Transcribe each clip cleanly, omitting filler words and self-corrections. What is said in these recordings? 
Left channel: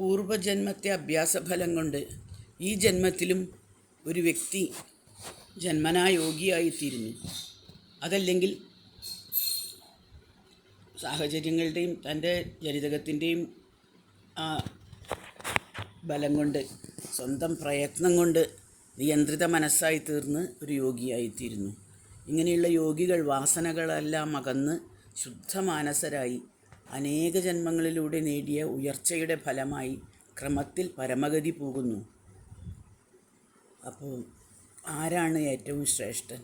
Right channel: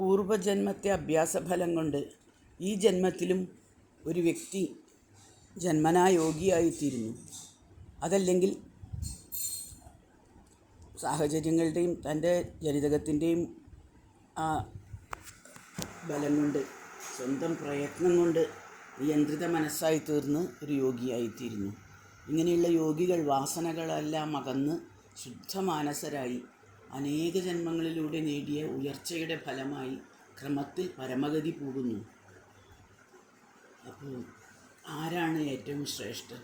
പൂർവജന്മത്തെ അഭ്യാസഫലം കൊണ്ട് ഈ ജന്മത്തിലും ഒരു വ്യക്തി ജന്മനാ യോഗിയായിത്തീരുന്നു. അതല്ലെങ്കിൽ സാഹചര്യങ്ങളുടെയും തൻ്റെ ജനിതകത്തിൻ്റെയും ആ ബലം കൊണ്ട്, സ്വന്തം പ്രയത്നം കൊണ്ട് നിയന്ത്രിത മനസ്സായി തീർന്ന് ഒരു യോഗിയായിത്തീരുന്നു. ഇങ്ങനെയുള്ള യോഗികൾ വാസനകളെല്ലാം അകന്ന് ശുദ്ധമാനസരായി അനേക ജന്മങ്ങളിലൂടെ നേടിയ ഉയർച്ചയുടെ ഫലമായി ക്രമത്തിൽ പരമഗതി പോകുന്നു. അപ്പോൾ ആരാണ് ഏറ്റവും ശ്രേഷ്ഠൻ?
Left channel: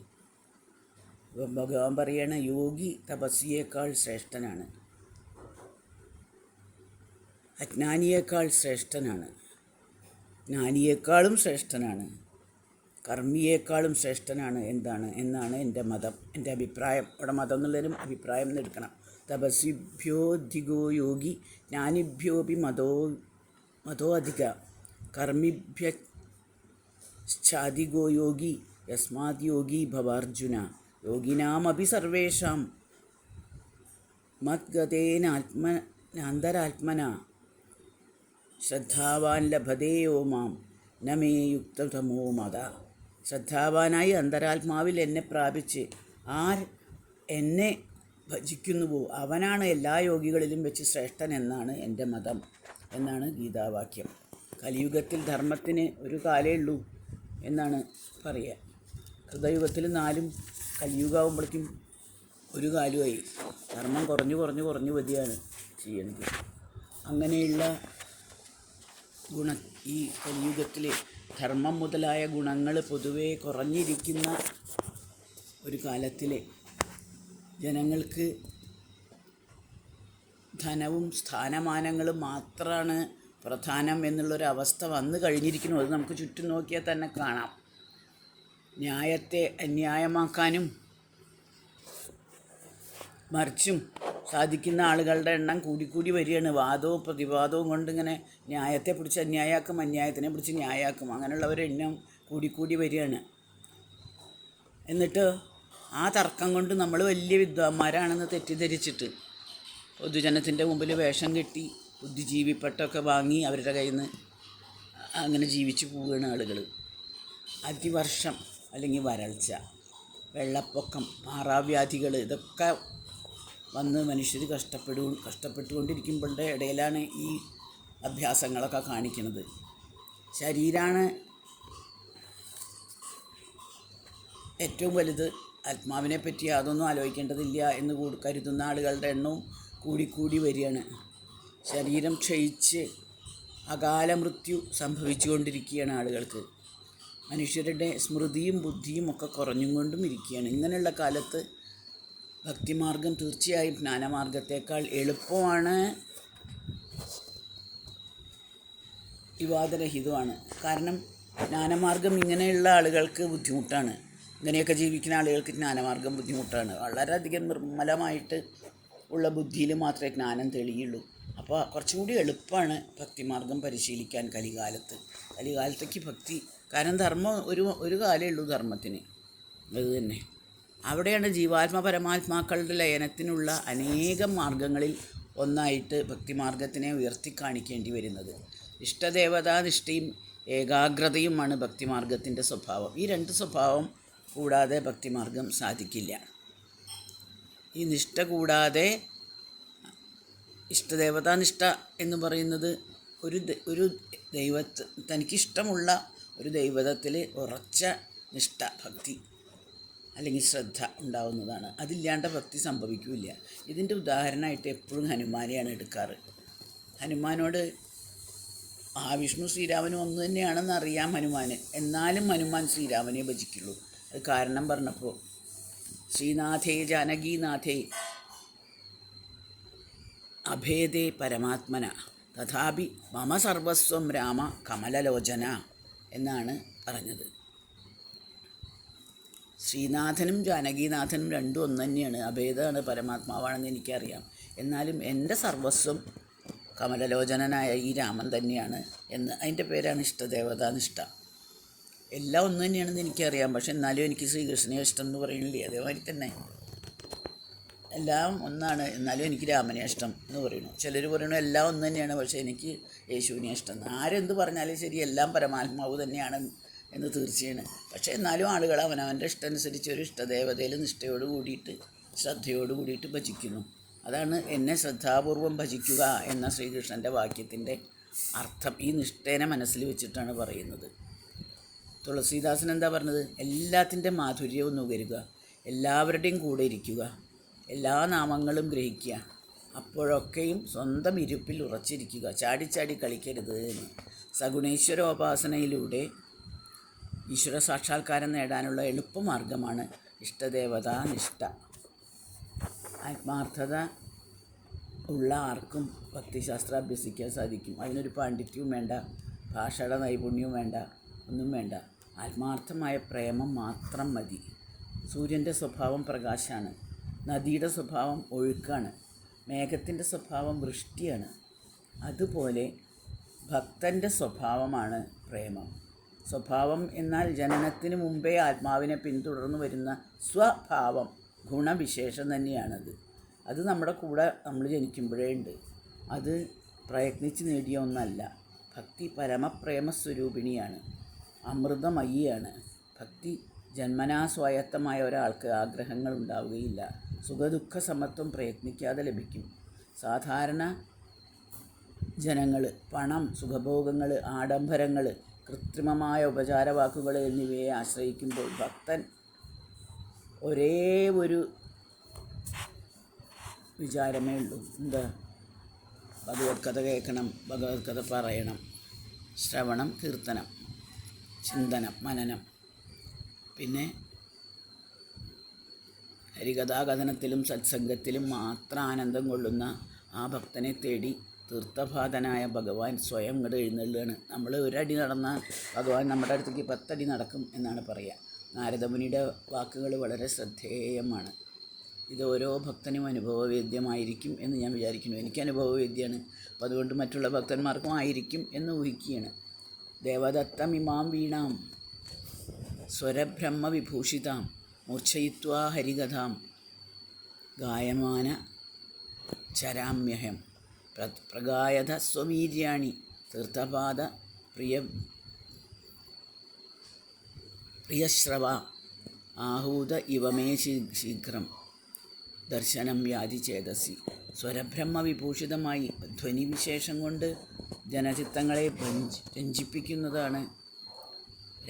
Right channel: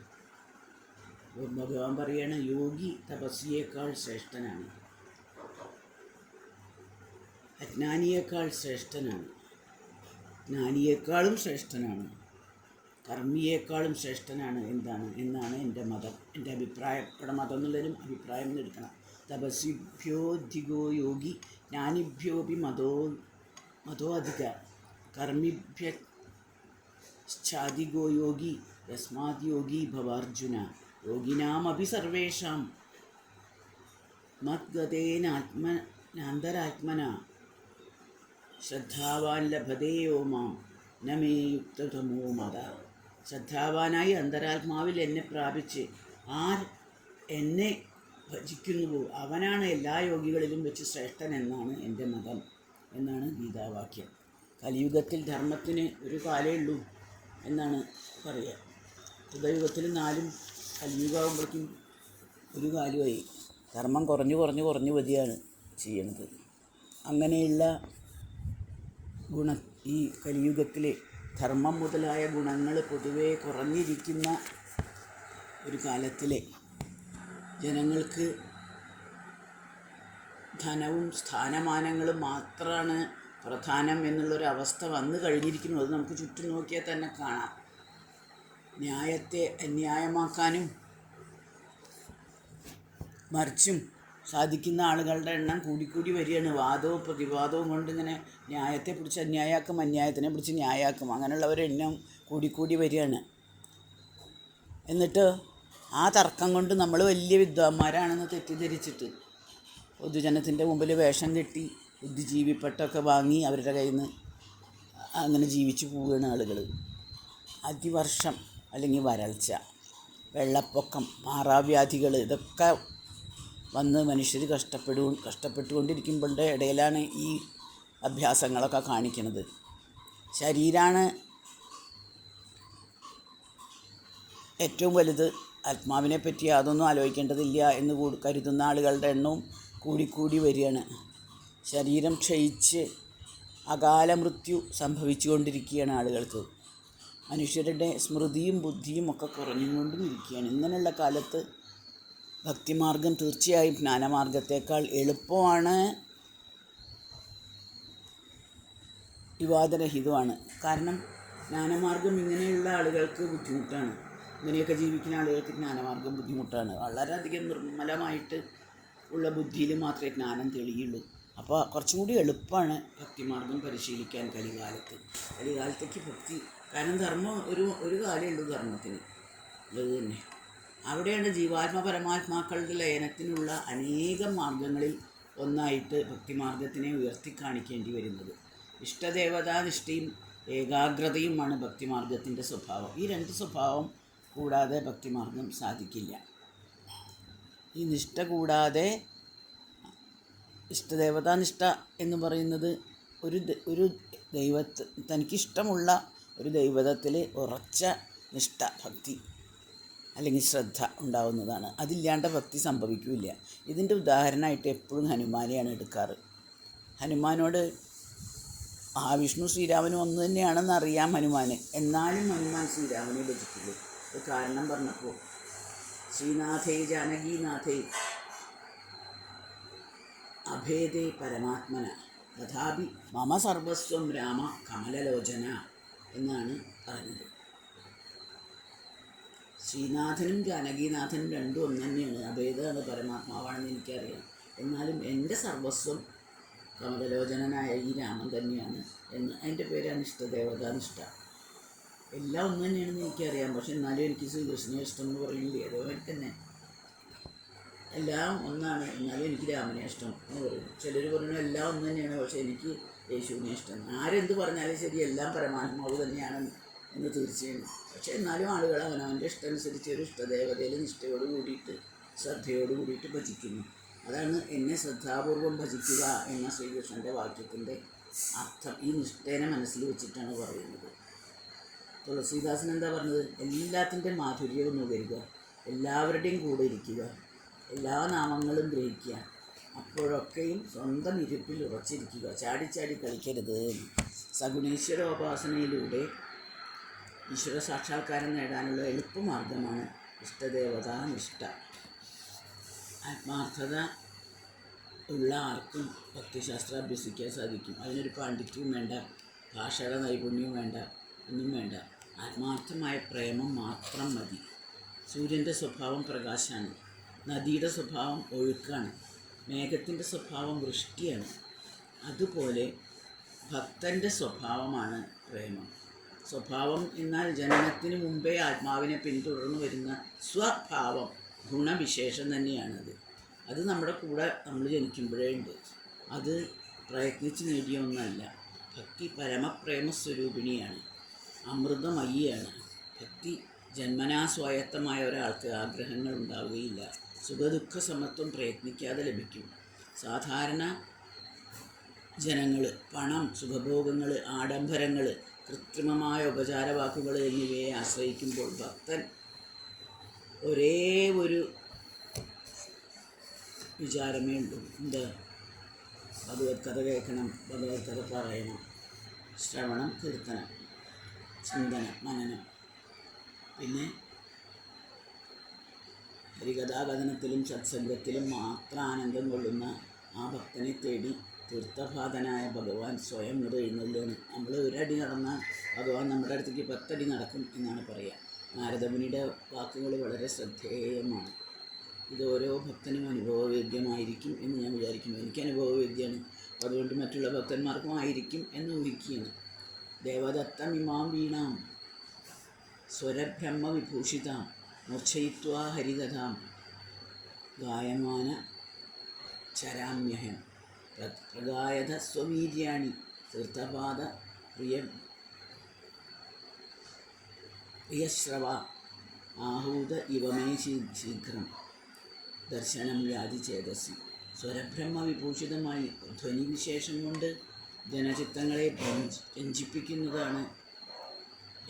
ഭഗവാൻ പറയണ യോഗി തപസ്വിയേക്കാൾ ശ്രേഷ്ഠനാണ്, അജ്ഞാനിയേക്കാൾ ശ്രേഷ്ഠനാണ്, ജ്ഞാനിയേക്കാളും ശ്രേഷ്ഠനാണ്, കർമ്മിയേക്കാളും ശ്രേഷ്ഠനാണ് എന്നാണ് എൻ്റെ മതം, എൻ്റെ അഭിപ്രായം. ഇവിടെ മതം എന്നുള്ളതിനും അഭിപ്രായം എന്ന് എടുക്കണം. തപസ്വിഭ്യോധികോ യോഗി ജ്ഞാനിഭ്യോപി മതോ അധിക കർമ്മിഭ്യശ്ചാധികോ യോഗി യസ്മാത് യോഗി ഭവാർജുന യോഗിനാമപി സർവേഷാം മദ്ഗതേനാന്തരാത്മന ശ്രദ്ധാവാൻ ലഭതേയോ മാം നമേ യുക്തതമോ മത. ശ്രദ്ധാവാനായി അന്തരാത്മാവിൽ എന്നെ പ്രാപിച്ച് ആർ എന്നെ ഭജിക്കുന്നുവോ അവനാണ് എല്ലാ യോഗികളിലും വെച്ച് ശ്രേഷ്ഠൻ എന്നാണ് എൻ്റെ മതം എന്നാണ് ഗീതാവാക്യം. കലിയുഗത്തിൽ ധർമ്മത്തിന് ഒരു കാലേ ഉള്ളൂ എന്നാണ് പറയുക. കൃതയുഗത്തിൽ 4 കലിയുഗമാകുമ്പോഴേക്കും ഒരു കാലുമായി. ധർമ്മം കുറഞ്ഞു വരികയാണ് ചെയ്യുന്നത്. അങ്ങനെയുള്ള ഈ കലിയുഗത്തിൽ ധർമ്മം മുതലായ ഗുണങ്ങൾ പൊതുവേ കുറഞ്ഞിരിക്കുന്ന ഒരു കാലത്തിൽ ജനങ്ങൾക്ക് ധനവും സ്ഥാനമാനങ്ങളും മാത്രമാണ് പ്രധാനം എന്നുള്ളൊരവസ്ഥ വന്നു കഴിഞ്ഞിരിക്കുന്നു. അത് നമുക്ക് ചുറ്റും നോക്കിയാൽ തന്നെ കാണാം. ന്യായത്തെ അന്യായമാക്കാനും മറിച്ചും സാധിക്കുന്ന ആളുകളുടെ എണ്ണം കൂടിക്കൂടി വരികയാണ്. വാദവും പ്രതിവാദവും കൊണ്ടിങ്ങനെ ന്യായത്തെ പിടിച്ച് അന്യായമാക്കും, അന്യായത്തിനെ പിടിച്ച് ന്യായമാക്കും. അങ്ങനെയുള്ളവരുടെ എണ്ണം കൂടിക്കൂടി വരികയാണ്. എന്നിട്ട് ആ തർക്കം കൊണ്ട് നമ്മൾ വലിയ വിദ്വാന്മാരാണെന്ന് തെറ്റിദ്ധരിച്ചിട്ട് പൊതുജനത്തിൻ്റെ മുമ്പിൽ വേഷം കെട്ടി ബുദ്ധിജീവിപ്പട്ടമൊക്കെ വാങ്ങി അവരുടെ കയ്യിൽ നിന്ന് അങ്ങനെ ജീവിച്ചു പോവുകയാണ് ആളുകൾ. അതിവർഷം അല്ലെങ്കിൽ വരൾച്ച, വെള്ളപ്പൊക്കം, മാറാവ്യാധികൾ ഇതൊക്കെ വന്ന് മനുഷ്യർ കഷ്ടപ്പെട്ടുകൊണ്ടിരിക്കുമ്പോഴത്തെ ഇടയിലാണ് ഈ അഭ്യാസങ്ങളൊക്കെ കാണിക്കുന്നത്. ശരീരമാണ് ഏറ്റവും വലുത്, ആത്മാവിനെ പറ്റി യാതൊന്നും ആലോചിക്കേണ്ടതില്ല എന്ന് കരുതുന്ന ആളുകളുടെ എണ്ണവും കൂടിക്കൂടി വരികയാണ്. ശരീരം ക്ഷയിച്ച് അകാല മൃത്യു സംഭവിച്ചുകൊണ്ടിരിക്കുകയാണ് ആളുകൾക്ക്. മനുഷ്യരുടെ സ്മൃതിയും ബുദ്ധിയും ഒക്കെ കുറഞ്ഞുകൊണ്ടും ഇരിക്കുകയാണ്. ഇങ്ങനെയുള്ള കാലത്ത് ഭക്തിമാർഗം തീർച്ചയായും ജ്ഞാനമാർഗത്തേക്കാൾ എളുപ്പമാണ്, വിവാദരഹിതമാണ്. കാരണം ജ്ഞാനമാർഗം ഇങ്ങനെയുള്ള ആളുകൾക്ക് ബുദ്ധിമുട്ടാണ്. ഇങ്ങനെയൊക്കെ ജീവിക്കുന്ന ആളുകൾക്ക് ജ്ഞാനമാർഗം ബുദ്ധിമുട്ടാണ്. വളരെയധികം നിർമ്മലമായിട്ട് ഉള്ള ബുദ്ധിയിൽ മാത്രമേ ജ്ഞാനം തെളിയുള്ളൂ. അപ്പോൾ കുറച്ചും കൂടി എളുപ്പമാണ് ഭക്തിമാർഗം പരിശീലിക്കാൻ കലികാലത്തേക്ക് ഭക്തി. കാരണം ധർമ്മം ഒരു കാലമേ ഉള്ളൂ ധർമ്മത്തിന്. അത് തന്നെ അവിടെയാണ് ജീവാത്മ പരമാത്മാക്കളുടെ ലയനത്തിനുള്ള അനേകം മാർഗങ്ങളിൽ ഒന്നായിട്ട് ഭക്തിമാർഗത്തിനെ ഉയർത്തിക്കാണിക്കേണ്ടി വരുന്നത്. ഇഷ്ടദേവതാനിഷ്ഠയും ഏകാഗ്രതയുമാണ് ഭക്തിമാർഗത്തിൻ്റെ സ്വഭാവം. ഈ 2 സ്വഭാവം കൂടാതെ ഭക്തിമാർഗം സാധിക്കില്ല. ഈ നിഷ്ഠ കൂടാതെ, ഇഷ്ടദേവതാനിഷ്ഠ എന്ന് പറയുന്നത് ഒരു തനിക്കിഷ്ടമുള്ള ഒരു ദൈവതത്തിൽ ഉറച്ച നിഷ്ഠ, ഭക്തി അല്ലെങ്കിൽ ശ്രദ്ധ ഉണ്ടാവുന്നതാണ്. അതില്ലാണ്ട് ഭക്തി സംഭവിക്കില്ല. ഇതിൻ്റെ ഉദാഹരണമായിട്ട് എപ്പോഴും ഹനുമാനെയാണ് എടുക്കാറ്. ഹനുമാനോട് വിഷ്ണു ശ്രീരാമനും ഒന്ന് തന്നെയാണെന്ന് അറിയാം ഹനുമാന്. എന്നാലും ഹനുമാൻ ശ്രീരാമനെ ഭജിക്കുള്ളൂ. അത് കാരണം പറഞ്ഞപ്പോൾ ശ്രീനാഥേ ജാനകീനാഥേ അഭേദേ പരമാത്മന തഥാപി മമ സർവസ്വം രാമ കമലലോചന എന്നാണ് പറഞ്ഞത്. ശ്രീനാഥനും ജാനകീനാഥനും രണ്ടും ഒന്ന് തന്നെയാണ്. അഭേദമാണ്, പരമാത്മാവാണെന്ന് എനിക്കറിയാം. എന്നാലും എൻ്റെ സർവസ്വം കമലലോചനനായ ഈ രാമൻ തന്നെയാണ് എന്ന്. അതിൻ്റെ പേരാണ് ഇഷ്ടദേവതാനിഷ്ഠ. എല്ലാം ഒന്ന് തന്നെയാണെന്ന് എനിക്കറിയാം. പക്ഷെ എന്നാലും എനിക്ക് ശ്രീകൃഷ്ണനെ ഇഷ്ടം എന്ന് പറയില്ലേ, അതേമാതിരി തന്നെ എല്ലാം ഒന്നാണ്, എന്നാലും എനിക്ക് രാമനെ ഇഷ്ടം എന്ന് പറയുന്നു. ചിലർ പറയുന്നു എല്ലാം ഒന്ന് തന്നെയാണ്, പക്ഷേ എനിക്ക് യേശുവിനെ ഇഷ്ടം. ആരെന്ത് പറഞ്ഞാലും ശരി, എല്ലാം പരമാത്മാവ് തന്നെയാണ് എന്ന് തീർച്ചയാണ്. പക്ഷേ എന്നാലും ആളുകൾ അവനവൻ്റെ ഇഷ്ടമനുസരിച്ച് ഒരു ഇഷ്ടദേവതയിൽ നിഷ്ഠയോട് കൂടിയിട്ട് ശ്രദ്ധയോട് കൂടിയിട്ട് ഭജിക്കുന്നു. അതാണ് എന്നെ ശ്രദ്ധാപൂർവം ഭജിക്കുക എന്ന ശ്രീകൃഷ്ണൻ്റെ വാക്യത്തിൻ്റെ അർത്ഥം. ഈ നിഷ്ഠേനെ മനസ്സിൽ വെച്ചിട്ടാണ് പറയുന്നത്. തുളസീദാസൻ എന്താ പറഞ്ഞത്? എല്ലാത്തിൻ്റെ മാധുര്യവും നുകരുക, എല്ലാവരുടെയും കൂടെ ഇരിക്കുക, എല്ലാ നാമങ്ങളും ഗ്രഹിക്കുക, അപ്പോഴൊക്കെയും സ്വന്തം ഇരുപ്പിൽ ഉറച്ചിരിക്കുക, ചാടിച്ചാടി കളിക്കരുത് എന്ന്. സഗുണേശ്വരോപാസനയിലൂടെ ഈശ്വര സാക്ഷാത്കാരം നേടാനുള്ള എളുപ്പമാർഗമാണ് ഇഷ്ടദേവതാ നിഷ്ഠ. ആത്മാർത്ഥത ഉള്ള ആർക്കും ഭക്തിശാസ്ത്രം അഭ്യസിക്കാൻ സാധിക്കും. അതിനൊരു പാണ്ഡിത്യവും വേണ്ട, ഭാഷയുടെ നൈപുണ്യവും വേണ്ട, ഒന്നും വേണ്ട. ആത്മാർത്ഥമായ പ്രേമം മാത്രം മതി. സൂര്യൻ്റെ സ്വഭാവം പ്രകാശമാണ്, നദിയുടെ സ്വഭാവം ഒഴുക്കാണ്, മേഘത്തിൻ്റെ സ്വഭാവം വൃഷ്ടിയാണ്. അതുപോലെ ഭക്തൻ്റെ സ്വഭാവമാണ് പ്രേമം. സ്വഭാവം എന്നാൽ ജനനത്തിന് മുമ്പേ ആത്മാവിനെ പിന്തുടർന്നു വരുന്ന സ്വഭാവം, ഗുണവിശേഷം തന്നെയാണത്. അത് നമ്മുടെ കൂടെ നമ്മൾ ജനിക്കുമ്പോഴേ ഉണ്ട്. അത് പ്രയത്നിച്ച് നേടിയ ഒന്നല്ല. ഭക്തി പരമപ്രേമസ്വരൂപിണിയാണ്, അമൃതമയിയാണ്. ഭക്തി ജന്മനാ സ്വായത്തമായ ഒരാൾക്ക് ആഗ്രഹങ്ങൾ ഉണ്ടാവുകയില്ല. സുഖദുഃഖ സമത്വം പ്രയത്നിക്കാതെ ലഭിക്കും. സാധാരണ ജനങ്ങൾ പണം, സുഖഭോഗങ്ങൾ, ആഡംബരങ്ങൾ, കൃത്രിമമായ ഉപചാരവാക്കുകൾ എന്നിവയെ ആശ്രയിക്കുമ്പോൾ ഭക്തൻ ഒരേ ഒരു വിചാരമേ ഉള്ളൂ. എന്താ? ഭഗവത്കഥ കേൾക്കണം, ഭഗവത്കഥ പറയണം, ശ്രവണം, കീർത്തനം, ചിന്തനം, മനനം. പിന്നെ ഹരികഥാകഥനത്തിലും സത്സംഗത്തിലും മാത്രം ആനന്ദം കൊള്ളുന്ന ആ ഭക്തനെ തേടി തീർത്ഥപാതനായ ഭഗവാൻ സ്വയം ഇങ്ങോട്ട് എഴുന്നള്ളുകയാണ്. നമ്മൾ ഒരടി നടന്നാൽ ഭഗവാൻ നമ്മുടെ അടുത്തേക്ക് 10 അടി നടക്കും എന്നാണ് പറയുക. നാരദമുനിയുടെ വാക്കുകൾ വളരെ ശ്രദ്ധേയമാണ്. ഇത് ഓരോ ഭക്തനും അനുഭവവേദ്യമായിരിക്കും എന്ന് ഞാൻ വിചാരിക്കുന്നു. എനിക്ക് അനുഭവവേദ്യമാണ്, അപ്പോൾ അതുകൊണ്ട് മറ്റുള്ള ഭക്തന്മാർക്കും ആയിരിക്കും എന്ന് ഊഹിക്കുകയാണ്. ദേവദത്തമിമാം വീണാം സ്വരബ്രഹ്മവിഭൂഷിതാം മൂർച്ഛയിത്വാ ഹരികഥാം ഗായമാന ചരാമ്യഹം പ്രഗായധ സ്വവീര്യാണി തീർത്ഥപാദ പ്രിയശ്രവ ആഹൂത ഇവമേ ശീഘ്രം ദർശനം യാതി ചേതസി. സ്വരബ്രഹ്മവിഭൂഷിതമായി ധ്വനിവിശേഷം കൊണ്ട് ജനചിത്തങ്ങളെ രഞ്ജിപ്പിക്കുന്നതാണ്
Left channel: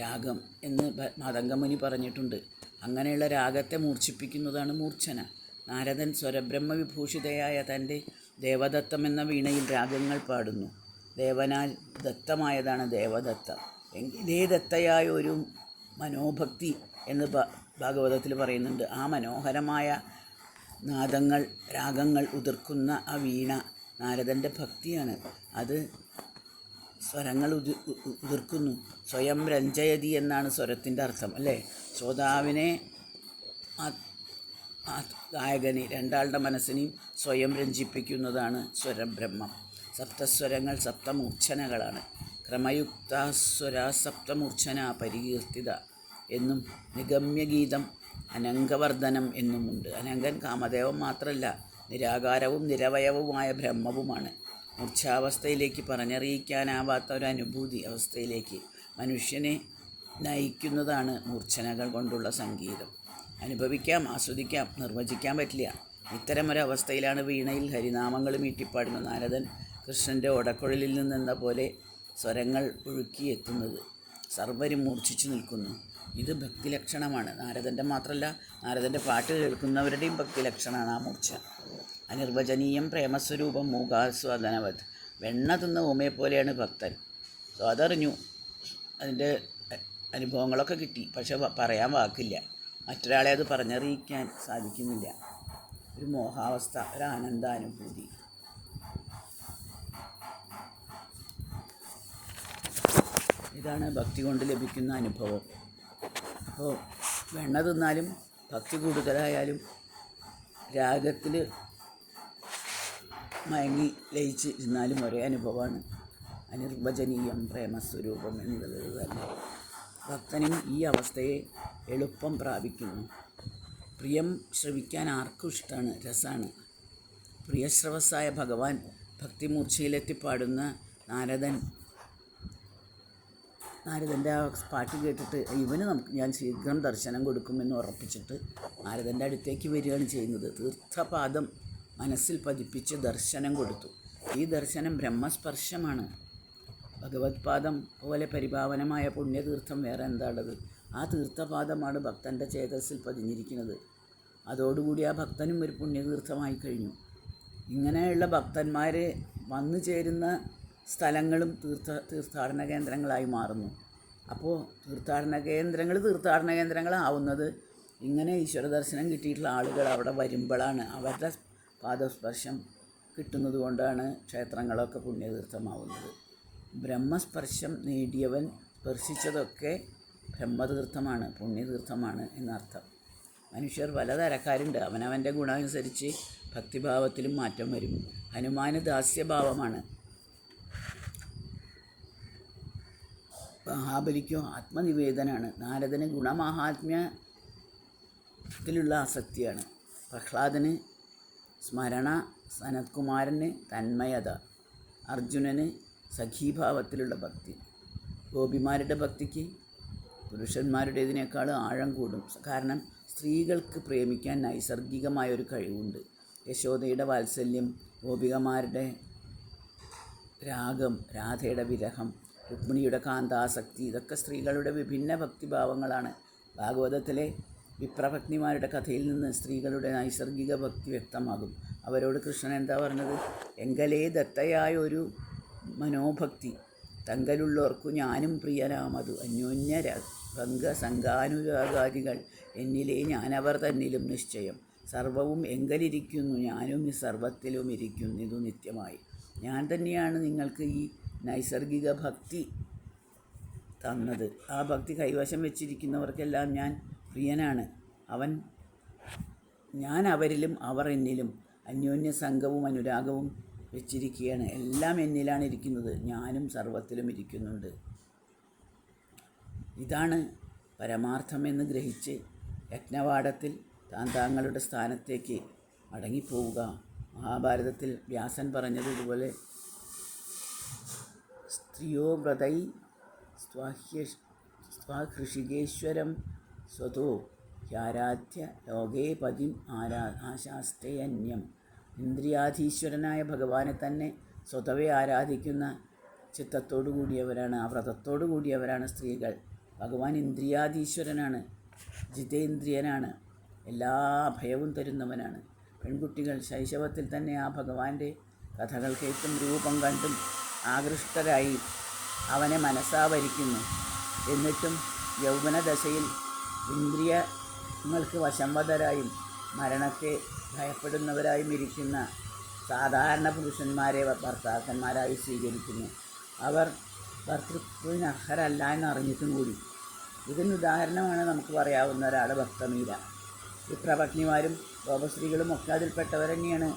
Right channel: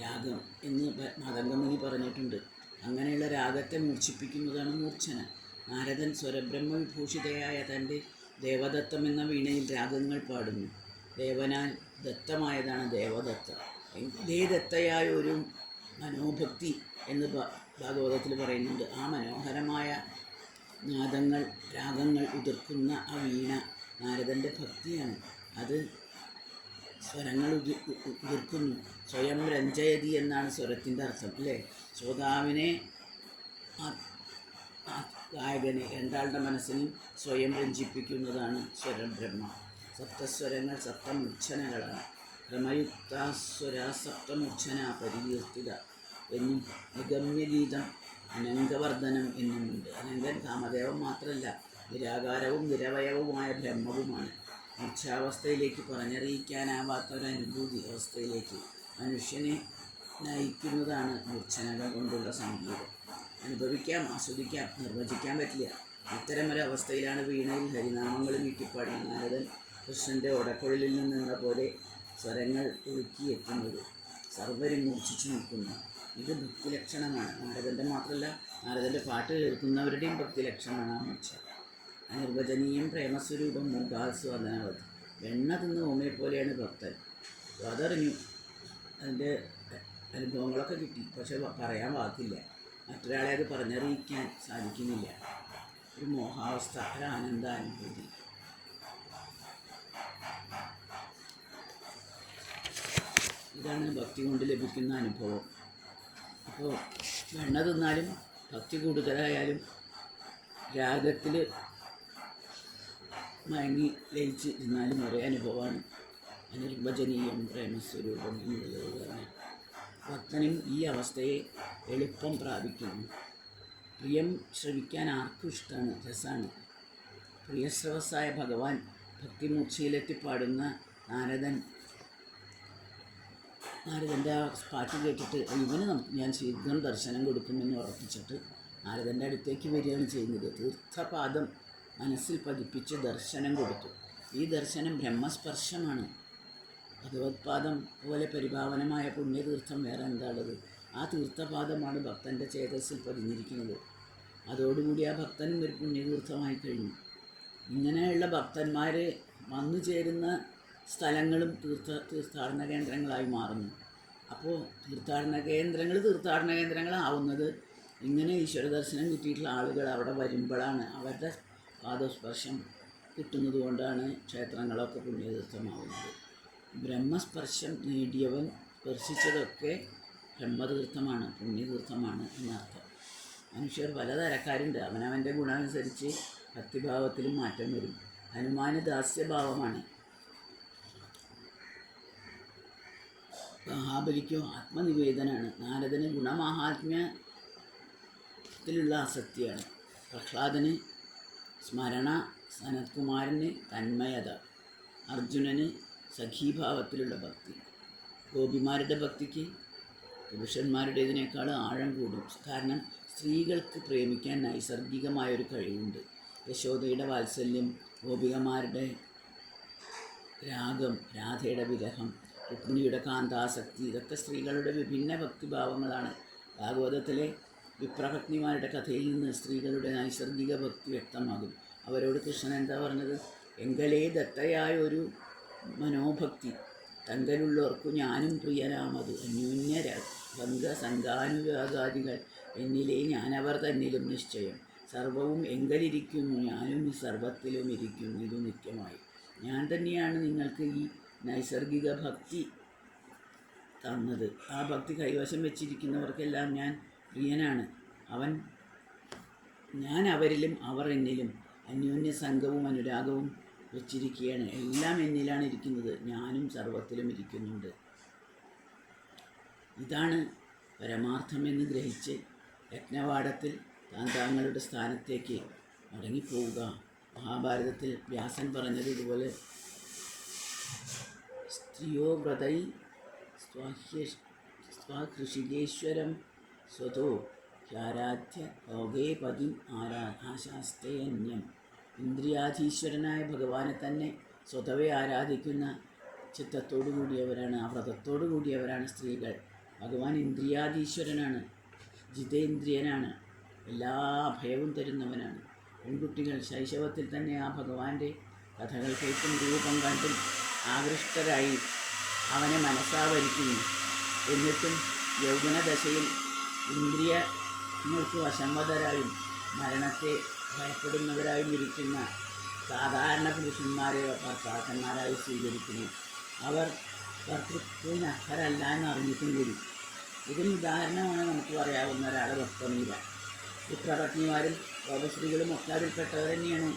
രാഗം എന്ന് മാതംഗമുനി പറഞ്ഞിട്ടുണ്ട്. അങ്ങനെയുള്ള രാഗത്തെ മൂർച്ഛിപ്പിക്കുന്നതാണ് മൂർച്ഛന. നാരദൻ സ്വരബ്രഹ്മവിഭൂഷിതയായ തൻ്റെ ദേവദത്തം എന്ന വീണയിൽ രാഗങ്ങൾ പാടുന്നു. ദേവനാൽ ദത്തമായതാണ് ദേവദത്ത. എങ്കിലേ ദത്തയായ ഒരു മനോഭക്തി എന്ന് ഭാഗവതത്തിൽ പറയുന്നുണ്ട്. ആ മനോഹരമായ നാദങ്ങൾ, രാഗങ്ങൾ ഉതിർക്കുന്ന ആ വീണ നാരദൻ്റെ ഭക്തിയാണ്. അത് സ്വരങ്ങൾ ഉതിർക്കുന്നു. സ്വയം രഞ്ജയതി എന്നാണ് സ്വരത്തിൻ്റെ അർത്ഥം, അല്ലേ? ശ്രോതാവിനെ, ഗായകനെ, രണ്ടാളുടെ മനസ്സിനെയും സ്വയം രഞ്ജിപ്പിക്കുന്നതാണ് സ്വരബ്രഹ്മം. സപ്തസ്വരങ്ങൾ സപ്തമൂർച്ഛനകളാണ്. ക്രമയുക്താസ്വര സപ്തമൂർച്ഛന പരികീർത്തിത എന്നും നിഗമ്യഗീതം അനംഗവർദ്ധനം എന്നുമുണ്ട്. അനങ്കൻ കാമദേവൻ മാത്രമല്ല, നിരാകാരവും നിരവയവുമായ ബ്രഹ്മവുമാണ്. മൂർച്ഛാവസ്ഥയിലേക്ക് പറഞ്ഞറിയിക്കാനാവാത്ത ഒരു അനുഭൂതി അവസ്ഥയിലേക്ക് മനുഷ്യനെ നയിക്കുന്നതാണ് മൂർച്ഛനകൾ കൊണ്ടുള്ള സംഗീതം. അനുഭവിക്കാം, ആസ്വദിക്കാം, നിർവചിക്കാൻ പറ്റില്ല. ഇത്തരമൊരവസ്ഥയിലാണ് വീണയിൽ ഹരിനാമങ്ങൾ മീട്ടിപ്പാടുന്ന നാരദൻ കൃഷ്ണൻ്റെ ഒടക്കുഴലിൽ നിന്നെന്ന പോലെ സ്വരങ്ങൾ ഒഴുക്കിയെത്തുന്നത്. സർവരും മൂർച്ഛിച്ചു നിൽക്കുന്നു. ഇത് ഭക്തിലക്ഷണമാണ്. നാരദൻ്റെ മാത്രമല്ല, നാരദൻ്റെ പാട്ട് കേൾക്കുന്നവരുടെയും ഭക്തിലക്ഷണമാണ് ആ മൂർച്ഛ. അനിർവചനീയം പ്രേമസ്വരൂപം മൂകാസ്വാദനവത്. വെണ്ണ തിന്ന ഊമയെ പോലെയാണ് ഭക്തൻ. അതറിഞ്ഞു, അതിൻ്റെ അനുഭവങ്ങളൊക്കെ കിട്ടി, പക്ഷെ പറയാൻ വാക്കില്ല. മറ്റൊരാളെ അത് പറഞ്ഞറിയിക്കാൻ സാധിക്കുന്നില്ല. ഒരു മോഹാവസ്ഥ, ഒരു ആനന്ദാനുഭൂതി. ഇതാണ് ഭക്തി കൊണ്ട് ലഭിക്കുന്ന അനുഭവം. അപ്പോൾ വെണ്ണ തിന്നാലും ഭക്തി കൂടുതലായാലും രാഗത്തിൽ മയങ്ങി ലയിച്ച് ഇരുന്നാലും ഒരേ അനുഭവമാണ്. അനിർവചനീയം പ്രേമസ്വരൂപം എന്നുള്ളത് തന്നെ ഭക്തനും ഈ അവസ്ഥയെ എളുപ്പം പ്രാപിക്കുന്നു. പ്രിയം ശ്രവിക്കാൻ ആർക്കും ഇഷ്ടമാണ്, രസമാണ്. പ്രിയശ്രവസ്സായ ഭഗവാൻ ഭക്തിമൂർച്ചയിലെത്തിപ്പാടുന്ന നാരദൻ്റെ ആ പാട്ട് കേട്ടിട്ട് ഞാൻ ശീഘ്രം ദർശനം കൊടുക്കുമെന്ന് ഉറപ്പിച്ചിട്ട് നാരദൻ്റെ അടുത്തേക്ക് വരികയാണ് ചെയ്യുന്നത്. തീർത്ഥപാദം മനസ്സിൽ പതിപ്പിച്ച് ദർശനം കൊടുത്തു. ഈ ദർശനം ബ്രഹ്മസ്പർശമാണ്. ഭഗവത്പാദം പോലെ പരിപാവനമായ പുണ്യതീർത്ഥം വേറെ എന്താണുള്ളത്? ആ തീർത്ഥപാദമാണ് ഭക്തൻ്റെ ചേതസ്സിൽ പതിഞ്ഞിരിക്കുന്നത്. അതോടുകൂടി ആ ഭക്തനും ഒരു പുണ്യതീർത്ഥമായി കഴിഞ്ഞു. ഇങ്ങനെയുള്ള ഭക്തന്മാർ വന്നു ചേരുന്ന സ്ഥലങ്ങളും തീർത്ഥാടന കേന്ദ്രങ്ങളായി മാറുന്നു. അപ്പോൾ തീർത്ഥാടന കേന്ദ്രങ്ങളാവുന്നത് ഇങ്ങനെ ഈശ്വര ദർശനം കിട്ടിയിട്ടുള്ള ആളുകൾ അവിടെ വരുമ്പോഴാണ്. അവരുടെ പാദസ്പർശം കിട്ടുന്നത് കൊണ്ടാണ് ക്ഷേത്രങ്ങളൊക്കെ പുണ്യതീർത്ഥമാവുന്നത്. ബ്രഹ്മസ്പർശം നേടിയവൻ സ്പർശിച്ചതൊക്കെ ബ്രഹ്മതീർത്ഥമാണ്, പുണ്യതീർത്ഥമാണ് എന്നർത്ഥം. മനുഷ്യർ പലതരക്കാരുണ്ട്. അവനവൻ്റെ ഗുണമനുസരിച്ച് ഭക്തിഭാവത്തിലും മാറ്റം വരും. ഹനുമാന് ദാസ്യഭാവമാണ്, മഹാബലിക്കോ ആത്മനിവേദനാണ്. നാരദന് ഗുണമാഹാത്മ്യത്തിലുള്ള ആസക്തിയാണ്. പ്രഹ്ലാദന് സ്മരണ, സനത്കുമാരന് തന്മയത, അർജുനന് സഖീഭാവത്തിലുള്ള ഭക്തി. ഗോപിമാരുടെ ഭക്തിക്ക് പുരുഷന്മാരുടേതിനേക്കാൾ ആഴം കൂടും. കാരണം സ്ത്രീകൾക്ക് പ്രേമിക്കാൻ നൈസർഗികമായൊരു കഴിവുണ്ട്. യശോദയുടെ വാത്സല്യം, ഗോപികമാരുടെ രാഗം, രാധയുടെ വിരഹം, രുക്മിണിയുടെ കാന്താസക്തി, ഇതൊക്കെ സ്ത്രീകളുടെ വിഭിന്ന ഭക്തിഭാവങ്ങളാണ്. ഭാഗവതത്തിലെ വിപ്രഭക്തിമാരുടെ കഥയിൽ നിന്ന് സ്ത്രീകളുടെ നൈസർഗിക ഭക്തി വ്യക്തമാകും. അവരോട് കൃഷ്ണൻ എന്താ പറഞ്ഞത്? എങ്കലേ ദത്തയായൊരു മനോഭക്തി തങ്കലുള്ളവർക്കു ഞാനും പ്രിയനാമതു അന്യോന്യ ഭംഗസംഗാനുരാഗാദികൾ എന്നിലേ ഞാനവർ തന്നിലും നിശ്ചയം. സർവവും എങ്കലിരിക്കുന്നു ഞാനും സർവത്തിലും ഇരിക്കുന്നു ഇതു നിത്യമായി. ഞാൻ തന്നെയാണ് നിങ്ങൾക്ക് ഈ നൈസർഗിക ഭക്തി തന്നത്. ആ ഭക്തി കൈവശം വെച്ചിരിക്കുന്നവർക്കെല്ലാം ഞാൻ പ്രിയനാണ്. ഞാൻ അവരിലും അവർ എന്നിലും അന്യോന്യ സംഘവും അനുരാഗവും വെച്ചിരിക്കുകയാണ്. എല്ലാം എന്നിലാണ് ഇരിക്കുന്നത്, ഞാനും സർവത്തിലും ഇരിക്കുന്നുണ്ട്. ഇതാണ് പരമാർത്ഥമെന്ന് ഗ്രഹിച്ച് യജ്ഞവാടത്തിൽ താങ്കളുടെ സ്ഥാനത്തേക്ക് മടങ്ങിപ്പോവുക. മഹാഭാരതത്തിൽ വ്യാസൻ പറഞ്ഞത് ഇതുപോലെ: സ്ത്രിയോ വ്രതൈ സ്വഹൃഷികേശ്വരം സ്വതോ ഹ്യാരാധ്യ ലോകേ പതിം ആശാസ്തേ അന്യം. ഇന്ദ്രിയാധീശ്വരനായ ഭഗവാനെ തന്നെ സ്വതവേ ആരാധിക്കുന്ന ചിത്തത്തോടു കൂടിയവരാണ്, ആ വ്രതത്തോടു കൂടിയവരാണ് സ്ത്രീകൾ. ഭഗവാൻ ഇന്ദ്രിയാധീശ്വരനാണ്, ജിതേന്ദ്രിയനാണ്, എല്ലാ അഭയവും തരുന്നവനാണ്. പെൺകുട്ടികൾ ശൈശവത്തിൽ തന്നെ ആ ഭഗവാന്റെ കഥകൾ കേട്ടും രൂപം കണ്ടും ആകൃഷ്ടരായി അവനെ മനസ്സാവരിക്കുന്നു. എന്നിട്ടും യൗവനദശയിൽ ഇന്ദ്രിയങ്ങൾക്ക് വശംവദരായും മരണത്തെ ഭയപ്പെടുന്നവരായും ഇരിക്കുന്ന സാധാരണ പുരുഷന്മാരെ ഭർത്താക്കന്മാരായി സ്വീകരിക്കുന്നു. അവർ ഭർത്തൃത്വത്തിന് അർഹരല്ല എന്നറിഞ്ഞിട്ടും കൂടി. ഇതിന് ഉദാഹരണമാണ് നമുക്ക് പറയാവുന്ന ഒരാൾ ഭക്തമീര. വിപ്രപത്നിമാരും ഗോപസ്ത്രീകളും ഒക്കെ അതിൽപ്പെട്ടവർ തന്നെയാണ്.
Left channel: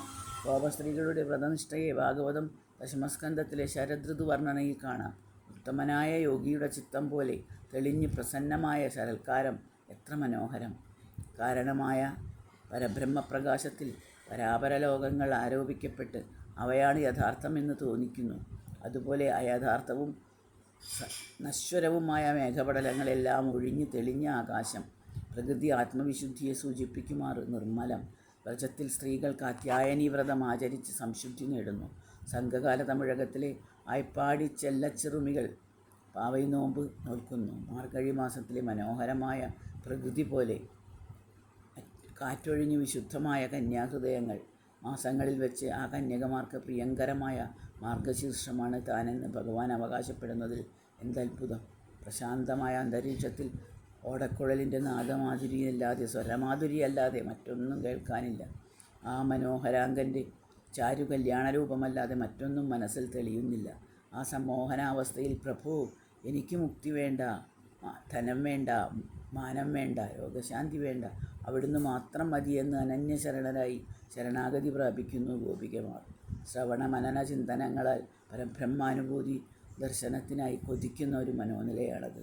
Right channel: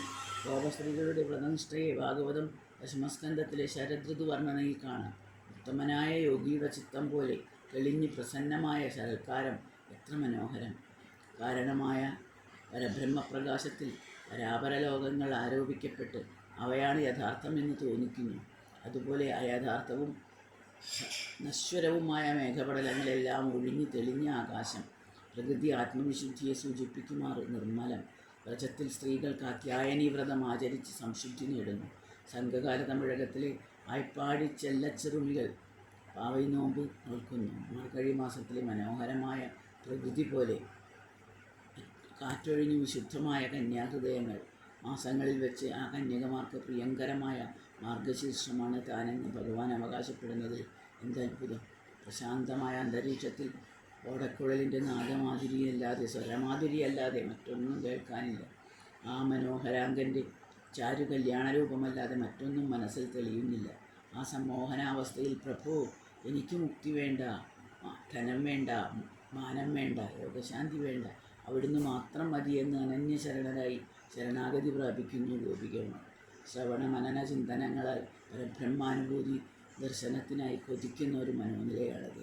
ഗോപസ്ത്രീകളുടെ വ്രതനിഷ്ഠയെ ഭാഗവതം ദശമസ്കന്ധത്തിലെ ശരദൃതു വർണ്ണനയിൽ കാണാം. ഉത്തമനായ യോഗിയുടെ ചിത്തം പോലെ തെളിഞ്ഞ് പ്രസന്നമായ ശരൽക്കാരം എത്ര മനോഹരം! കാരണമായ പരബ്രഹ്മപ്രകാശത്തിൽ പരാപരലോകങ്ങൾ ആരോപിക്കപ്പെട്ട് അവയാണ് യഥാർത്ഥമെന്ന് തോന്നിക്കുന്നു. അതുപോലെ അയഥാർത്ഥവും നശ്വരവുമായ മേഘപടലങ്ങളെല്ലാം ഒഴിഞ്ഞ് തെളിഞ്ഞ ആകാശം. പ്രകൃതി ആത്മവിശുദ്ധിയെ സൂചിപ്പിക്കുമാറ് നിർമ്മലം. വ്രജത്തിൽ സ്ത്രീകൾ കാത്യായനീ വ്രതം ആചരിച്ച് സംശുദ്ധി നേടുന്നു. സംഘകാല തമിഴകത്തിലെ ആയ്പാടി ചെല്ലച്ചെറുമികൾ പാവൈ നോമ്പ് നോൽക്കുന്നു. മാർഗഴി മാസത്തിലെ മനോഹരമായ പ്രകൃതി പോലെ കാറ്റൊഴിഞ്ഞ് വിശുദ്ധമായ കന്യാഹൃദയങ്ങൾ. മാസങ്ങളിൽ വെച്ച് ആ കന്യകമാർക്ക് പ്രിയങ്കരമായ മാർഗശീർഷമാണ് താനെന്ന് ഭഗവാൻ അവകാശപ്പെടുന്നതിൽ എന്തത്ഭുതം! പ്രശാന്തമായ അന്തരീക്ഷത്തിൽ ഓടക്കുഴലിൻ്റെ നാദമാധുരിയല്ലാതെ, സ്വരമാധുരിയല്ലാതെ മറ്റൊന്നും കേൾക്കാനില്ല. ആ മനോഹരാംഗൻ്റെ ചാരു കല്യാണരൂപമല്ലാതെ മറ്റൊന്നും മനസ്സിൽ തെളിയുന്നില്ല. ആ സമ്മോഹനാവസ്ഥയിൽ പ്രഭു, എനിക്ക് മുക്തി വേണ്ട, ധനം വേണ്ട, മാനം വേണ്ട, രോഗശാന്തി വേണ്ട, അവിടുന്ന് മാത്രം മതിയെന്ന് അനന്യശരണരായി ശരണാഗതി പ്രാപിക്കുന്നു ഗോപികമാർ. ശ്രവണ മനന ചിന്തനങ്ങളാൽ പരബ്രഹ്മാനുഭൂതി ദർശനത്തിനായി കൊതിക്കുന്ന ഒരു മനോനിലയാണത്.